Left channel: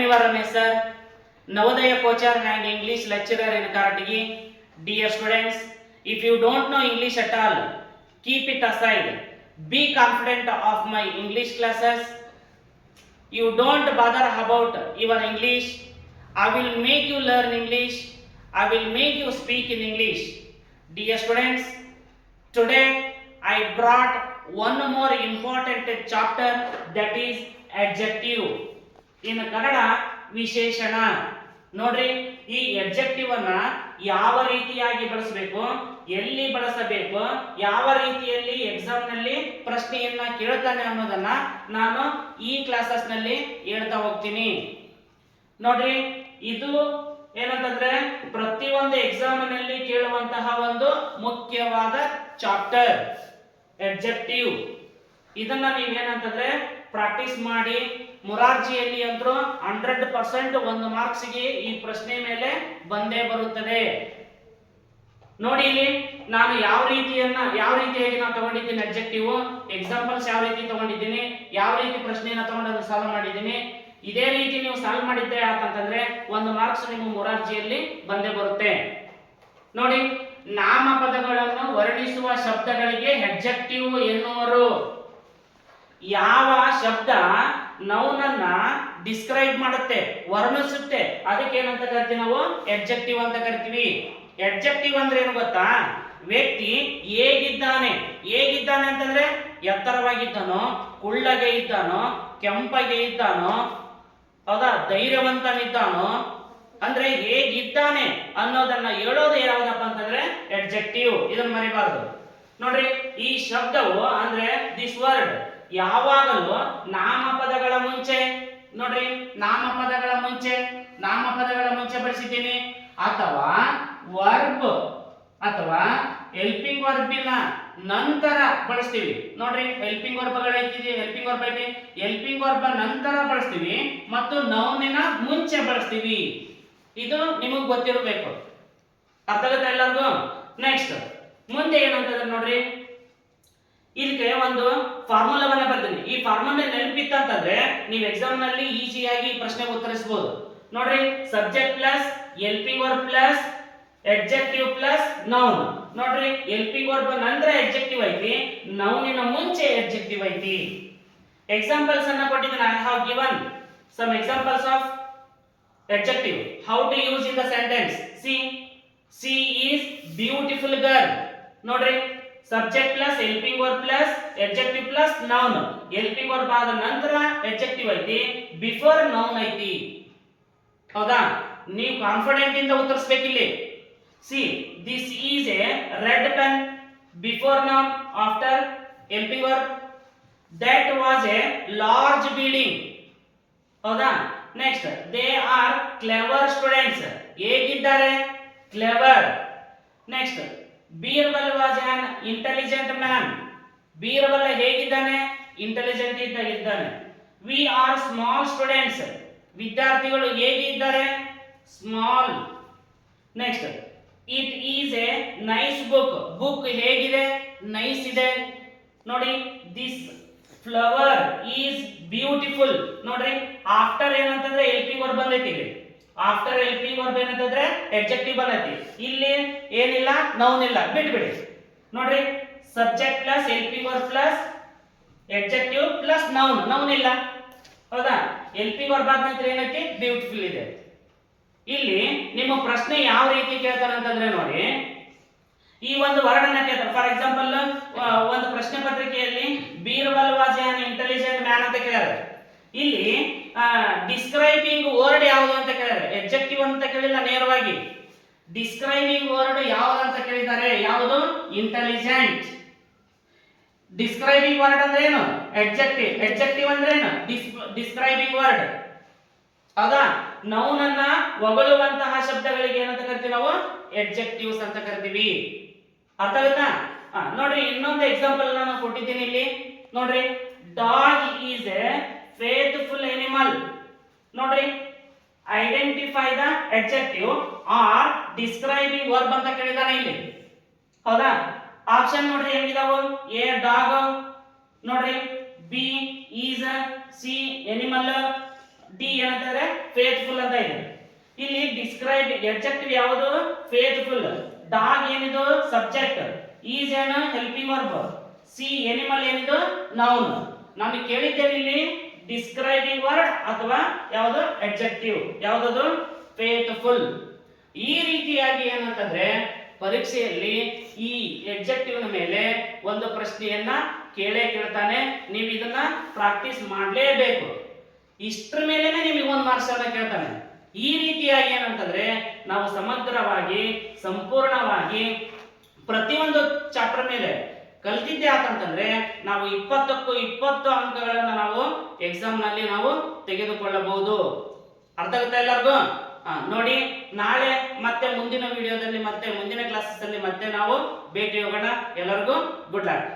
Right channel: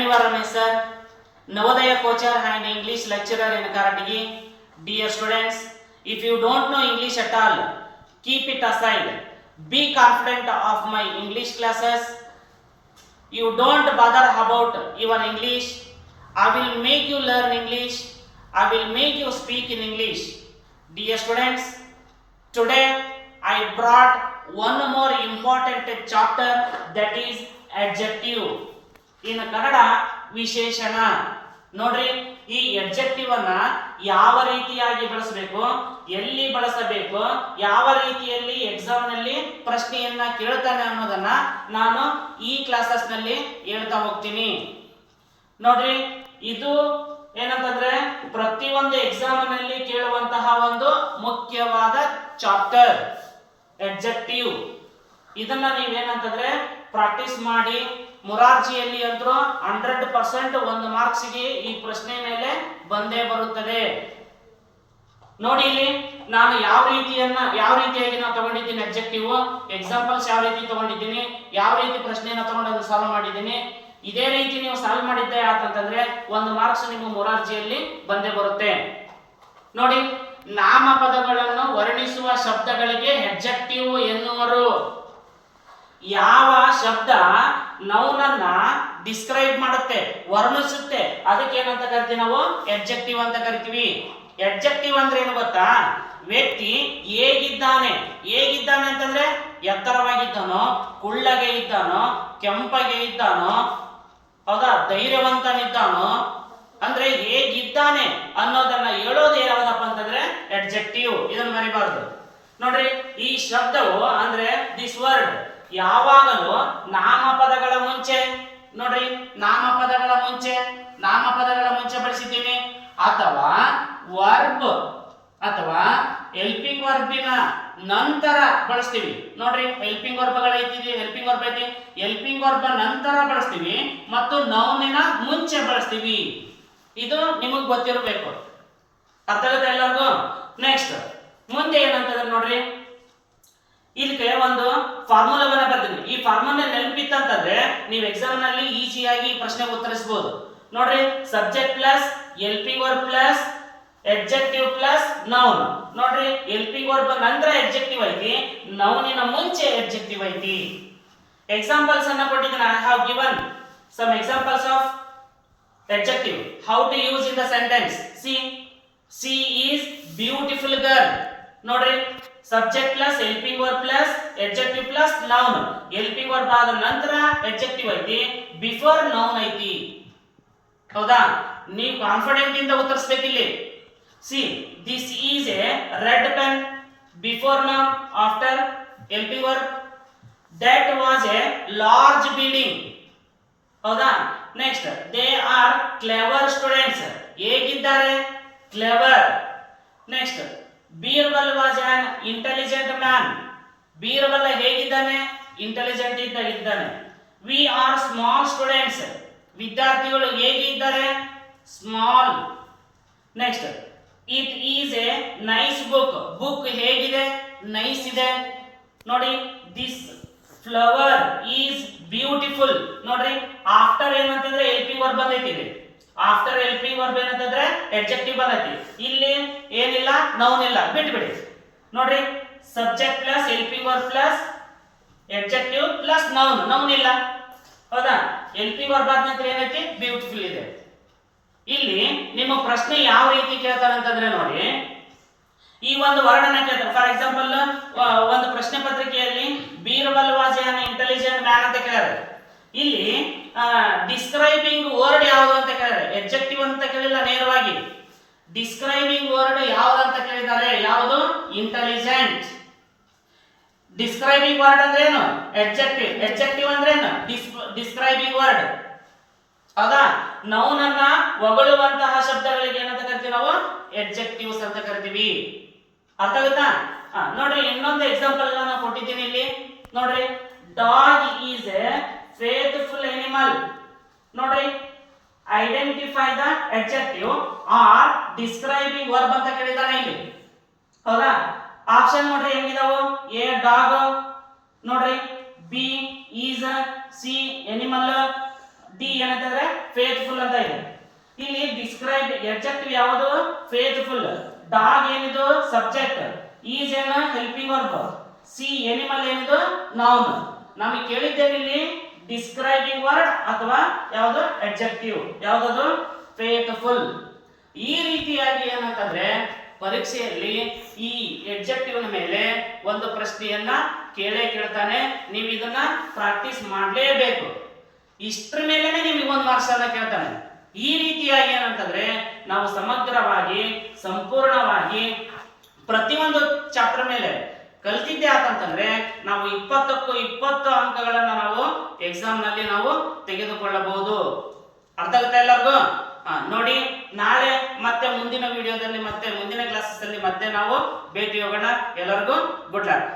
your Ramesh sir, Navodaya coacher and English lecturer in Karatigi. Dear students, if you don't know English at all, keep it aside. Be confident of my English classes. You don't bother about your English. I will make you learn English. I will make you speak in English. Dear students, today I brought one more important chapter that is adjective. In Kannada ವಿಶೇಷಣ. ನೋಡ್ರಿ, ಈ adjective ಅನ್ನ ಯಾವ ರೀತಿಯಾಗಿ ಬಳಸಬೇಕು, ಎಲ್ಲಿ ಬಳಸಬೇಕು, ಯಾವ ರೀತಿಯಲ್ಲಿ ಎಕ್ಸಾಮ್ನಲ್ಲಿ ಪ್ರಶ್ನೆಯನ್ನ ಕೇಳ್ತಾನೆ ಅನ್ನೋದನ್ನ ನಾನು ಈ ಕ್ಲಾಸಸ್ನಲ್ಲಿ ಹೇಳ್ತಾ ಹೋಗ್ತೀನಿ. ನೋಡ್ರಿ, ಇದು ಏನಂತಂದ್ರೆ ಪ್ರತಿಯೊಂದು ಎಕ್ಸಾಮ್ನಲ್ಲಿ ಕೇಳುವಂತಹ ಒಂದು ಮುಖ್ಯವಾದ ಚಾಪ್ಟರ್ ಎಡ್ಜೆಕ್ಟಿವ್ ಇದನ್ನ ನೀವೇನಂತಂದ್ರೆ ಪ್ರಾಕ್ಟೀಸ್ ಮಾಡಿ ಮುರಾರ್ಜಿಯಲ್ಲಿ ಅಂತೂ ಹಂಡ್ರೆಡ್ ಪರ್ಸೆಂಟ್ ಒಂದು ಮಾರ್ಕ್ಸ್ಗೆ ಈ ಪ್ರಶ್ನೆ ಮೇಲೆ ಬಂದೇ ಬರುತ್ತದೆ. ನೋಡಿ ಇಲ್ಲಿ, ನಾನು ಯಾವ ರೀತಿಯನ್ನ, ಯಾವ ರೀತಿಯಾಗಿ ನಾನು ತಗೊಂಡಿದ್ದೀನಿ ಅಬ್ಜೆಕ್ಟಿವ್ ಎಕ್ಸಾಂಪಲ್ಸ್ ಯಾವ ರೀತಿ ತಗೊಂಡಿದ್ದೀನಿ? ಯಾವ ರೀತಿ ಪ್ರಶ್ನೆಯನ್ನ ತಗೊಂಡು ಸಾಲ್ವ್ ಮಾಡಿದ್ದೀನಿ? ಇದೇ ರೀತಿ ನೀವು ಸಾಲ್ವ್ ಮಾಡಿದ್ದೆ ಆತಂತಂದ್ರೆ ಒಂದು ಮಾರ್ಕ್ಸ್ ನಿಮ್ಮ ಮುರಾರ್ಜಿಯಲ್ಲಿ ಬಂದೇ ಬರುತ್ತೆ. ನೋಡಿ, ನಾಮಪದಗಳನ್ನು ವರ್ಣಿಸುವ ಶಬ್ದಗಳಿಗೆ ಹೆಡ್ಜೆಕ್ಟಿವ್ ಎನ್ನುವರು. ಯಾವ ಶಬ್ದ ನೌನನ್ನ ಡಿಸ್ಕ್ರೈಬ್ ಮಾಡುತ್ತೆ, ವರ್ಣಿಸುತ್ತೆ ಅದಕ್ಕೆ ಏನಂತ ಕರಿತೀವಿ ನಾವು? ಎಡ್ಜೆಕ್ಟಿವ್ ಅಂತ ಕರಿತೀವಿ. ಎಡ್ಜೆಕ್ಟಿವ್ ಅಂದ್ರೆ ಏನು ಗೊತ್ತಾ? ವ್ಯಕ್ತಿ ಹೇಗಿದ್ದಾನೆ? ಹೇಗಿದ್ದಾನೆ ಅಂತಂದ್ರೆ ಎತ್ತರವಾಗಿದ್ದಾನೋ, ಕುಳ್ಳಗೆ ಇದ್ದಾನೋ, ಕೆಂಪಗೆ ಇದ್ದಾನೋ, ಹೌದಾ? ಧೈರ್ಯವಂತನಿದ್ದಾನೋ, ಅಂದ್ರೆ ಹೇಗಿದ್ದಾನೆ ಅನ್ನೋದನ್ನ ಹೇಳೋದು ಯಾವ್ದಪ್ಪ ಅಂತಂದ್ರೆ ಎಡ್ಜೆಕ್ಟಿವ್ ಇದನ್ನ ಮರಿಬಾರ್ದು. ನೋಡ್ರಿ, ಈ ಶಬ್ದವು ಅಂದ್ರೆ ದಿಸ್ ವರ್ಡ್ ಯಾವಾಗಲೂ ನಾಮಪದಗಳ ಮುಂಚೆ, ನೋಡ್ರಿ ನಾಮಪದಗಳ ಮುಂಚೆ ನಾಮಪದಗಳ ಮುಂಚೆ ಬಳಸಿದ್ದೀನಿ. ಅಥವಾ ವರ್ಬ್ ಅಥವಾ ಹೆಲ್ಪಿಂಗ್ ವರ್ಬಿನ ನಂತರ ಬಳಸ್ತೀವಿ. ನೋಡ್ರಿ ಹೆಲ್ಪಿಂಗ್ ವರ್ಬಗಳು ಐತಿ ಹೆಲ್ಪಿಂಗ್ ವರ್ಬ್ ಐತಿ. ಹೆಲ್ಪಿಂಗ್ ವರ್ಬ ನಂತರ ಬಳಸ್ತೀವಿ ಮತ್ತು ನೌನಿನ ಮುಂಚೆ ಬಳಸ್ತೀವಿ. ಇದು ನಿಮಗೆ ಗೊತ್ತಿರಬೇಕು. ಅರ್ಥ ಆಗುತ್ತೆ ಎಲ್ಲರಿಗೂ? ನೆಕ್ಸ್ಟ್ ಮುಂದೆ ಏನಂತಂದ್ರೆ ನೋಡ್ರಿ ಇದಕ್ಕೆ ಒಂದು ಫಾರ್ಮುಲಾವನ್ನ ಬರ್ತೀನಿ. ಈ ಫಾರ್ಮುಲಾ ನೆನಪಿತ್ತಂತಂದ್ರೆ ನೀವು ಎಕ್ಸಾಮ್ನಲ್ಲಿ ಈಸಿಯಾಗಿ ಈ ಪ್ರಶ್ನೆಗೆ ಉತ್ತರಿಸಬಹುದು ನೋಡ್ರಿ subject plus helping verb plus adjective plus noun ನೋಡ್ರಿ ಹೆಲ್ಪಿಂಗ್ ವರ್ಬ್ ನಂತರ ಎಡ್ಜೆಕ್ಟಿವ್ ಐತಿ ನೌನಿನ ಮುಂಚೆ ಎಡ್ಜೆಕ್ಟಿವ್ ಐತಿ. ಎಕ್ಸಾಂಪಲ್ಸ್ ಅನ್ನ ಕೊಟ್ಟಿದ್ದೀನಿ I have given some examples of adjective how to use in the sentence she she is beautiful girl. ನೋಡ್ರಿ subject plus helping verb plus adjective plus noun helping verb ಆದ ನಂತರ adjective ಐತಿ before noun ಐತಿ. ಹೌದಾ? ನೀವು confident ಇಂದ ಉತ್ತರಿಸ್ಬೇಕಿಲ್ಲಿ. See this is a red pen before noun after helping verb that was a large building ಹೌದಾ? Next they are clever students ಹೇಗಿದ್ದಾರೆ? Clever next Birbal was an intelligent man Birbal ಹೇಗಿದ್ದಾನೆ? Intelligent ಇದ್ದ ಇದ್ದಾನೆ we are small students ವಿದ್ಯಾರ್ಥಿಗಳು ಹೇಗಿದ್ದಾರೆ small next it is a nice book book ಹೇಗಿದೆ? Nice ಇದೆ. ನೋಡಿ ದಿಸ್ ಫ್ಲವರ್ ಈಸ್ ಬ್ಯೂಟಿಫುಲ್ ನೋಡ್ರಿ ಆಫ್ಟರ್ ಏನಂತಂದ್ರೆ ಎಲ್ ಪಿ ವರ್ ಬಂದೈತಿ ಆಫ್ಟರ್ ಹೆಲ್ಪಿಂಗ್ ವರ್ಬ್ ಏನಂತಂದ್ರೆ ಎಡ್ಜೆಕ್ಟಿವ್ ಬಂದೈತಿ ಇಲ್ಲಿ ಏನಿಲ್ಲ ನೌನ್ ಇಲ್ಲ. ಬಿಟ್ಬಿಡಿ. ನೋಡ್ರಿ subject plus helping verb plus adjective plus noun noun ಇಲ್ಲ. ಹೌದಾ? ಹೆಲ್ಪಿಂಗ್ ವರ್ಬ್ ಆದ ನಂತರ ಏನೈತಿ? ಬ್ಯೂಟಿಫುಲ್ ಇದೆ. ಇಲ್ಲಿ ನಿಮ್ಮ ಪ್ರಶ್ನೆ ಯಾವ ರೀತಿ ಕೇಳ್ತಾರೆ ಅಂತಂದ್ರೆ ನೋಡಿ. ಈ ಒಂದು ವರ್ಡನ್ನ ಕೇಳ್ತಾರೆ. ಫಾರ್ ಎಕ್ಸಾಂಪಲ್ ಒಂದು ಪ್ರಶ್ನೆ ಪತ್ರಿಕೆಯಲ್ಲಿ ಬೀರ್ಬಲ್ ವಾಸ್ ಇಂಟೆಲಿಜೆಂಟ್ ಮ್ಯಾನ್ ಅಂತ ಕೇಳಿದ್ರೆ ಇಲ್ಲಿ ಡಿಸ್ಕ್ರೈಬಿಂಗ್ ವರ್ಡ್ ಯಾವುದು ಅಂತ ಕೇಳಿಲ್ಲ ನೇರವಾಗಿ. ಡಿಸ್ಕ್ರೈಬಿಂಗ್ ವರ್ಡ್ ಯಾವ್ದು ಅಂತ ಕೇಳಿದ್ದಾರೆ? ಯಾವುದು? ಇಂಟೆಲಿಜೆಂಟ್ ಡಿಸ್ಕ್ರೈಬಿಂಗ್ ವರ್ಡ್ ಅಂದ್ರೆ ಏನು? ಎಡ್ಜೆಕ್ಟಿವ್ ಎಡ್ಜೆಕ್ಟಿವ್ ಅಂದ್ರೆ ಏನು? ಡಿಸ್ಕ್ರೈಬಿಂಗ್ ವರ್ಡ್ ಹೌದಾ? ನೌನನ್ನ ಹೊಗಳುವಂತಹ ಶಬ್ದಗಳಿಗೆ ಏನಂತ ಕರಿತೀವಿ ನಾವು? ಎಡ್ಜೆಕ್ಟಿವ್ಸ್ ಅಂತ ಕರಿತೀವಿ. ಅರ್ಥ ಆಗುತ್ತಾ? ನೋಡ್ರಿ, ಇನ್ನೊಂದು ಎಕ್ಸಾಂಪಲ್ ನಾನು ಕೊಟ್ಟಿದ್ದೀನಿ ಇಲ್ಲಿ. ನೋಡ್ರಿ dog is a faithful animal ನೋಡ್ರಿ identify the adjective or describing verb ಅಂತ ಕೇಳಿದಾನೆ ಇಲ್ಲಿ. ಹೌದಾ? ಆಪ್ಷನ್ ನೋಡ್ರಿ ಹೆಂಗಿದಾವು? ಎ ಡಾಗ್ ನೋಡ್ರಿ. B is C animal D ಏನಂತಂದ್ರೆ ಫೇತ್ಫುಲ್ ಅಂತ ಇದೆ. ಇಲ್ಲಿ ಡಿಸ್ಕ್ರೈಬ್ ಎಡ್ಜೆಕ್ಟಿವ್ ಯಾವುದು? ಫೇತ್ಫುಲ್ ಡಾಗ್ ಏನಿದು? ಸಬ್ಜೆಕ್ಟ್ ಈಸ್ ಏನ? ಹೆಲ್ಪಿಂಗ್ ವರ್ಬ್ ಸಿ ಎನಿಮಲ್ ಏನಿದು? ನೌನ್ ನಮಗೆ ಕೇಳಿದ್ದೇನೆ ಇಲ್ಲಿ. ಡಿಸ್ಕ್ರೈಬಿಂಗ್ ವರ್ಡ್ ಅಥವಾ ಯಾವುದು ಅಡ್ಜೆಕ್ಟಿವ್ ಯಾವುದದು? ಫೇತ್ಫುಲ್ ಈ ರೀತಿಯಾಗಿ ಏನಂತಂದ್ರೆ ಪರೀಕ್ಷೆಯಲ್ಲಿ ಈ ಎಡ್ಜೆಕ್ಟಿವ್ ಮೇಲೆ ಒಂದು ಪ್ರಶ್ನೆಯನ್ನ ಕೇಳೇ ಕೇಳ್ತಾನೆ. ನೀವು ಇದನ್ನ ಪ್ರಾಕ್ಟೀಸ್ ಮಾಡಲೇಬೇಕು. ಇಷ್ಟ್ರ ಮೇಲೆನೆ ನಿಮಗೆ ಒಂದು ಮಾರ್ಕ್ಸ್ ಅನ್ನ ಕೇಳ್ತಾನೆ. ಈ ರೀತಿಯಾಗಿ ಏನಂತಂದ್ರೆ ನಾವು ಸಮಗ್ರವಾಗಿ, ಸಂಪೂರ್ಣವಾಗಿ ಪ್ರತಿಯೊಂದು ಚಾಪ್ಟರ್ ಮೇಲೆ ಕಲ್ತಿದ್ದೆ ಆತಂತಂದ್ರೆ ನಾವು ಇಪ್ಪತ್ತಕ್ಕೂ ಇಪ್ಪತ್ತು ಅಂಕಗಳನ್ನ ನಾವು ಎಕ್ಸಾಮ್ನಲ್ಲಿ ನಾವು ತೆಗೆದುಕೊಳ್ಳಬಹುದು. ಅರ್ಥ ಆಗುತ್ತಾ ಎಲ್ಲರಿಗೂ? ನೋಡಿ, ನಾಳೆ ಮತ್ತೆ ಮುಂದಿನ ವಿಡಿಯೋದಲ್ಲಿ ಮತ್ತೆ ಮುಂದಿನ ಕ್ಲಾಸಸ್ ಅಲ್ಲಿ ಮತ್ತೆ ನಾವು ಭೇಟಿ ಹೋಗೋಣ. ಎಲ್ಲರಿಗೂ ಗುಡ್ ಲಕ್